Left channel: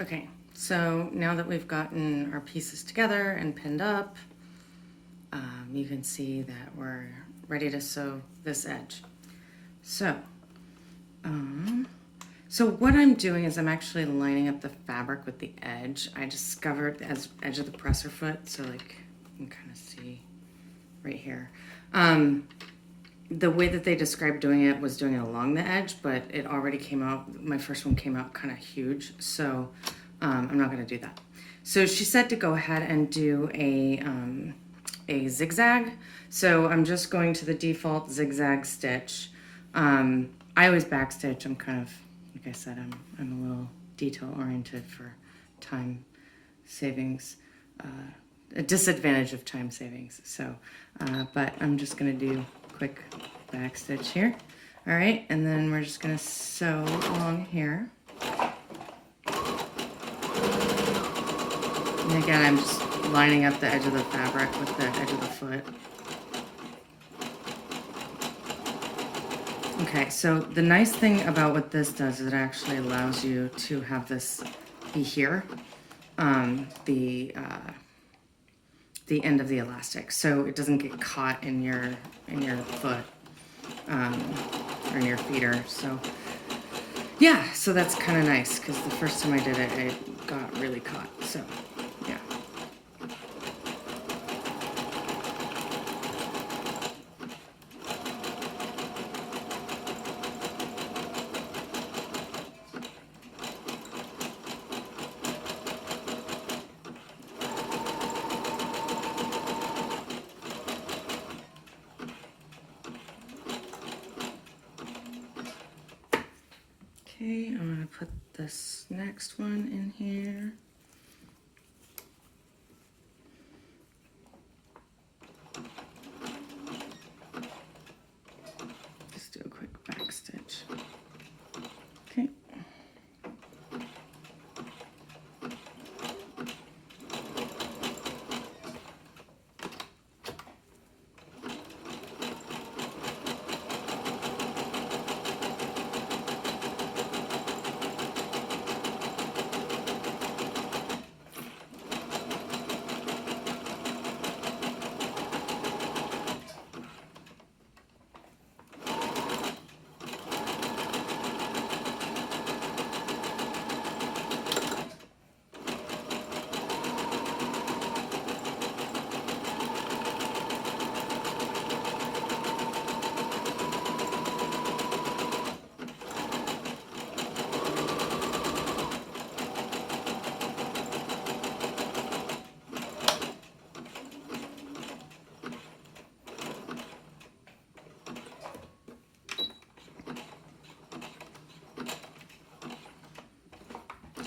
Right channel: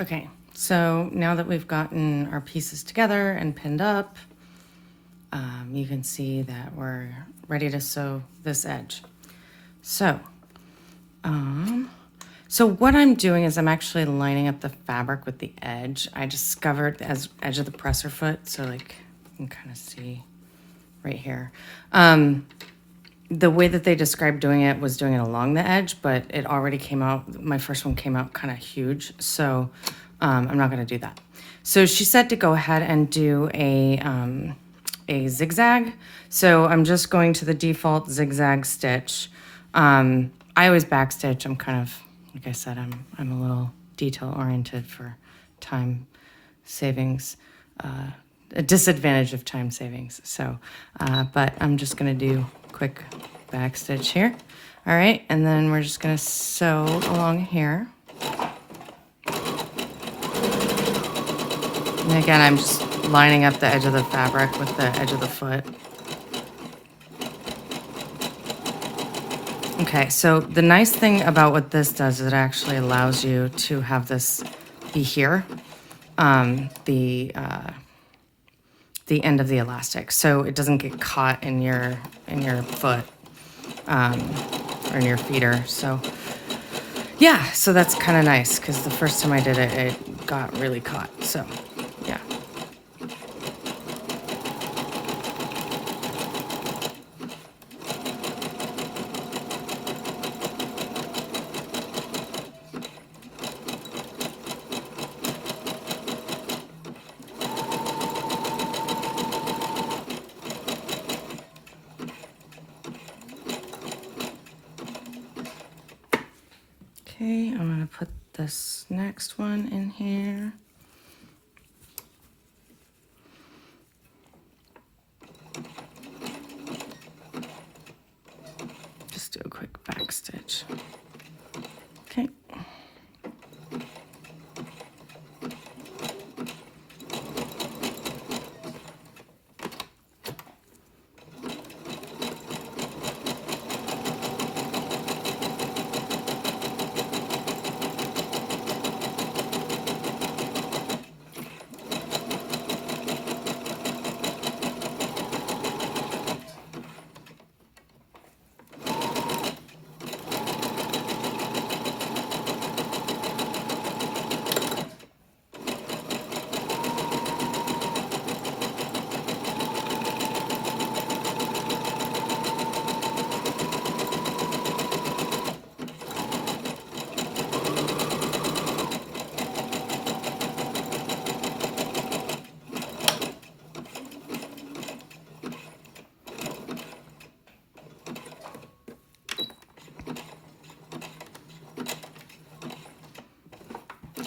Okay, so now that we've gotten our pieces together and pinned up, you can see that we're ready to sew this edge. So, so what I'm doing is I'm actually lining up the fabric with the edge. I discovered the edge of the presser foot, so like you can kind of see right here. The way that they described doing it was doing it along the edge, but it already came out, my first one came out kind of huge, so I'm not gonna do that. So she said to go ahead and do a zigzag. So I'm just going to the default zigzag stitch. I always backstitch. I'm kind of, like I said, I'm a little detail oriented for time savings, a disadvantage of time savings. So, but I'm just gonna do quick backstitch here. All right, and then we're just gonna sew along here. And again, I'm just lining up the edge of the fabric with the edge of the foot. Okay, so the nice thing about what this does is it actually allows you to have this be here, the end of the elastic, so it doesn't get caught in your foot or in your feeder. So yeah, so that's kind of nice because the first time I did it, it got really caught. So yeah. Okay, I'm gonna put this next one in here. Just do a quick back stitch. Okay.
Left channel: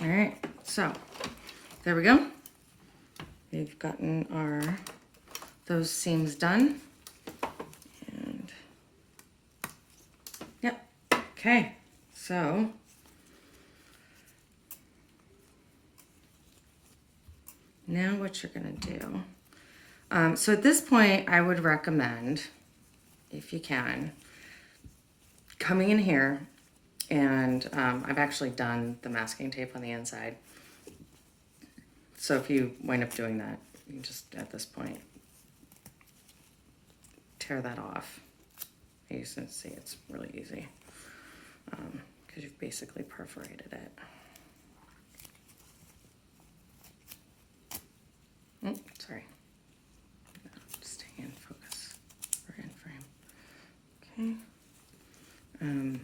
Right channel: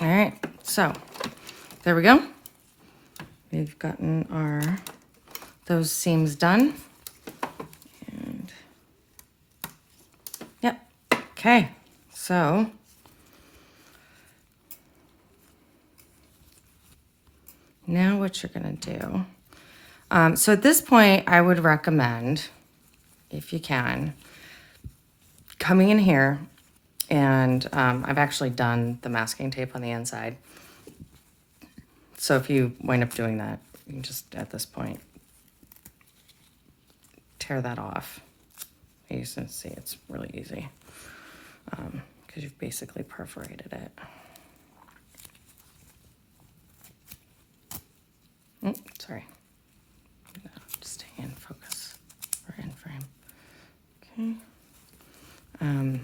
All right, so there we go. We've gotten those seams done. And yep, okay, so now what you're gonna do. So at this point, I would recommend, if you can, coming in here, and I've actually done the masking tape on the inside. So if you wind up doing that, you can just, at this point, tear that off. You can see it's really easy because you've basically perforated it. Oh, sorry. No, staying in focus or in frame. Okay.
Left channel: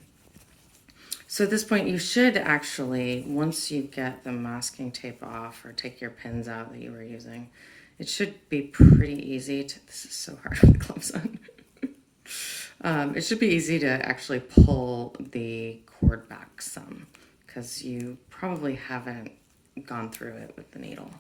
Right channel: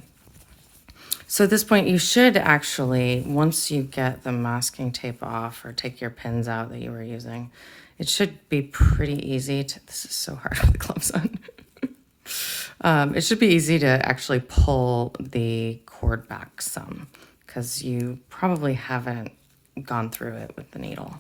So at this point, you should actually, once you get the masking tape off or take your pins out that you were using, it should be pretty easy to, this is so hard with the gloves on. It should be easy to actually pull the cord back some because you probably haven't gone through it with the needle.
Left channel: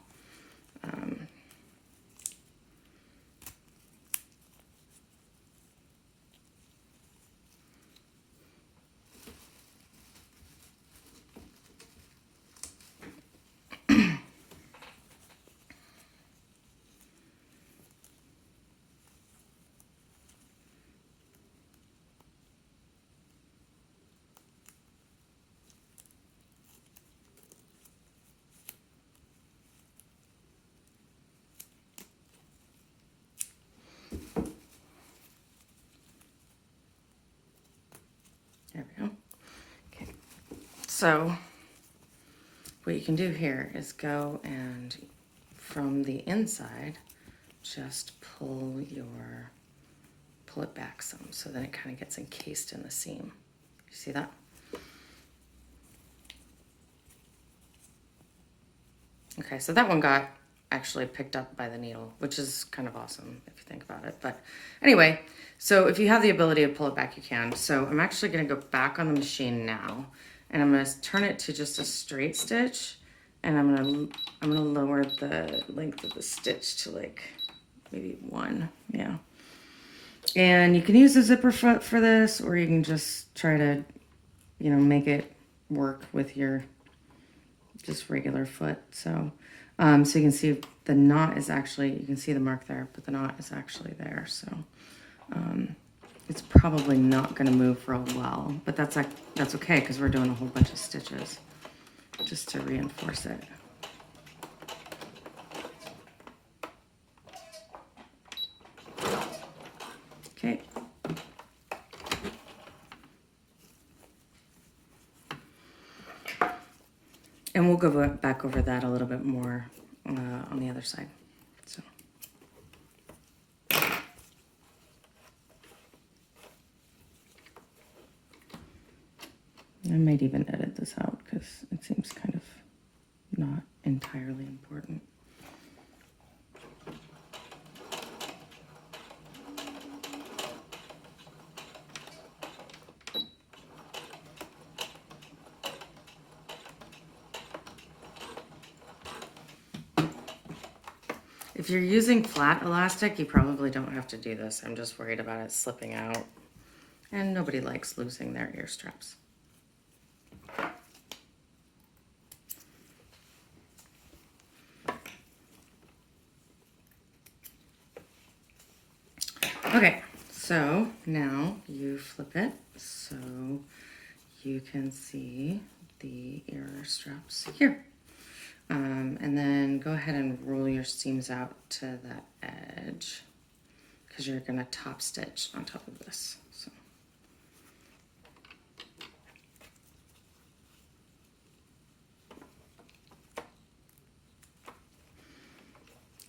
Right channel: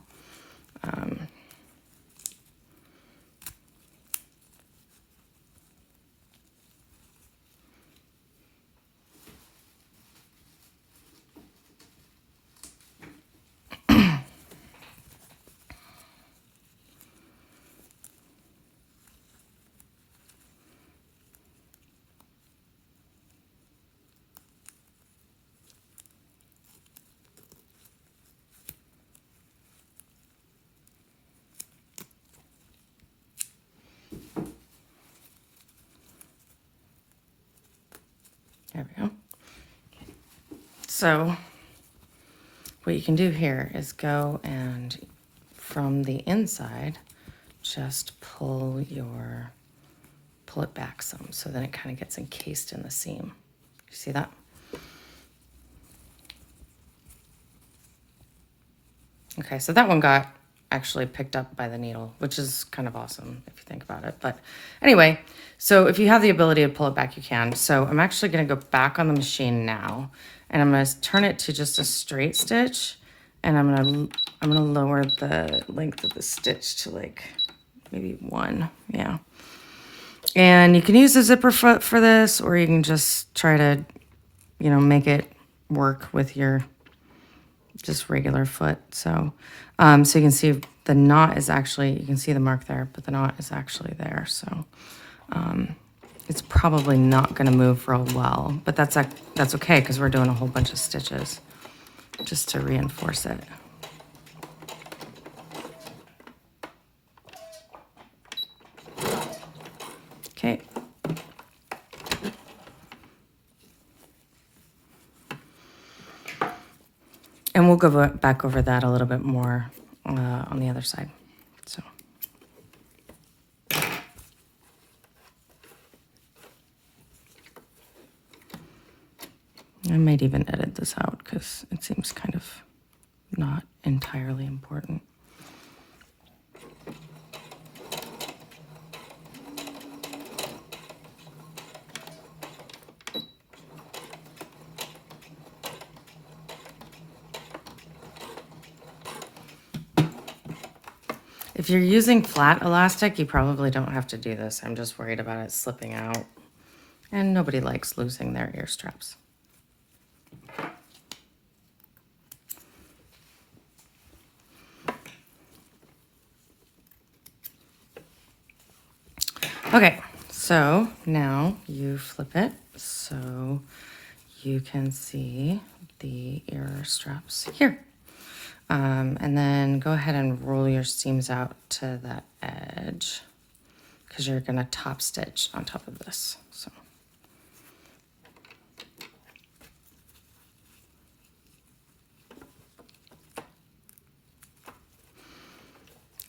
There we go. Okay. So what you can do here is go and from the inside, just pull it back some, so then it kind of gets encased in the seam. You see that? Okay, so that one got actually picked up by the needle, which is kind of awesome if you think about it. But anyway, so if you have the ability to pull it back, you can. So I'm actually going to go back on the machine now, and I'm going to turn it to just a straight stitch, and I'm going to lower the length of the stitch to like maybe 1. Yeah. And you can use a zipper foot for this, or you can just try to, make it work with your just regular foot. So, so you can see the knot is actually, you can see the mark there, but the knot is actually there. So, it's probably not going to move real well, but that's okay because we're doing a whole bunch of stitches just to reinforce it. Okay. And we'll go back over that a little bit more on the other side. So. I might even edit this out because it seems kind of not entirely important. If you're using flat elastic, you probably don't have to do this. I'm just worried about it slipping out. And nobody likes losing their ear straps. Okay, so now you flip it so you can see the ear straps here. And then go ahead and roll your seams out to the edge because you're going to top stitch on top of this. So.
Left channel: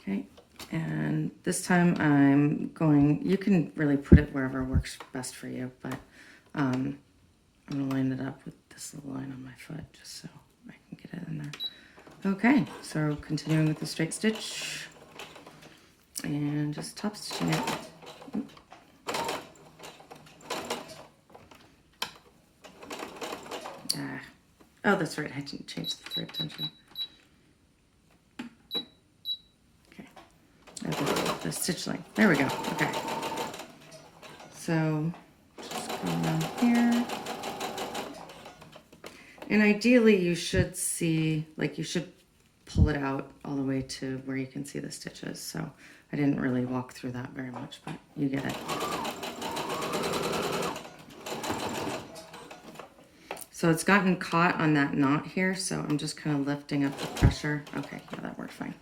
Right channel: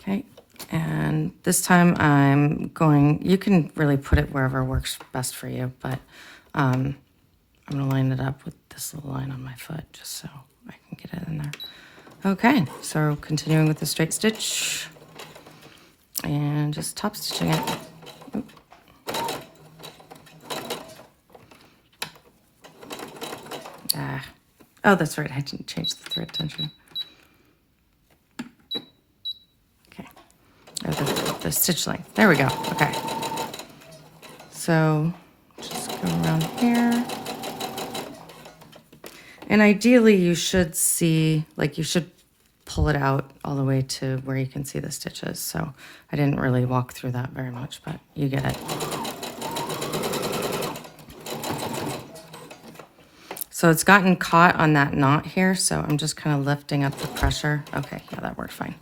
Okay, and this time you can really put it wherever works best for you, but I'm going to line it up with this little line on my foot just so I can get it in there. Okay, so continuing with the straight stitch and just top stitching it. Oh, that's right, I didn't change the thread tension. Okay, or the stitch length. There we go, okay. So just go around here. And ideally you should see, you should pull it out all the way to where you can see the stitches. So I didn't really walk through that very much, but you get it. So it's gotten caught on that knot here, so I'm just kind of lifting up the pressure. Okay, yeah, that worked fine.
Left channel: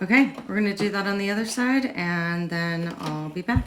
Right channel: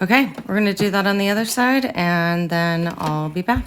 Okay, we're going to do that on the other side, and then I'll be back.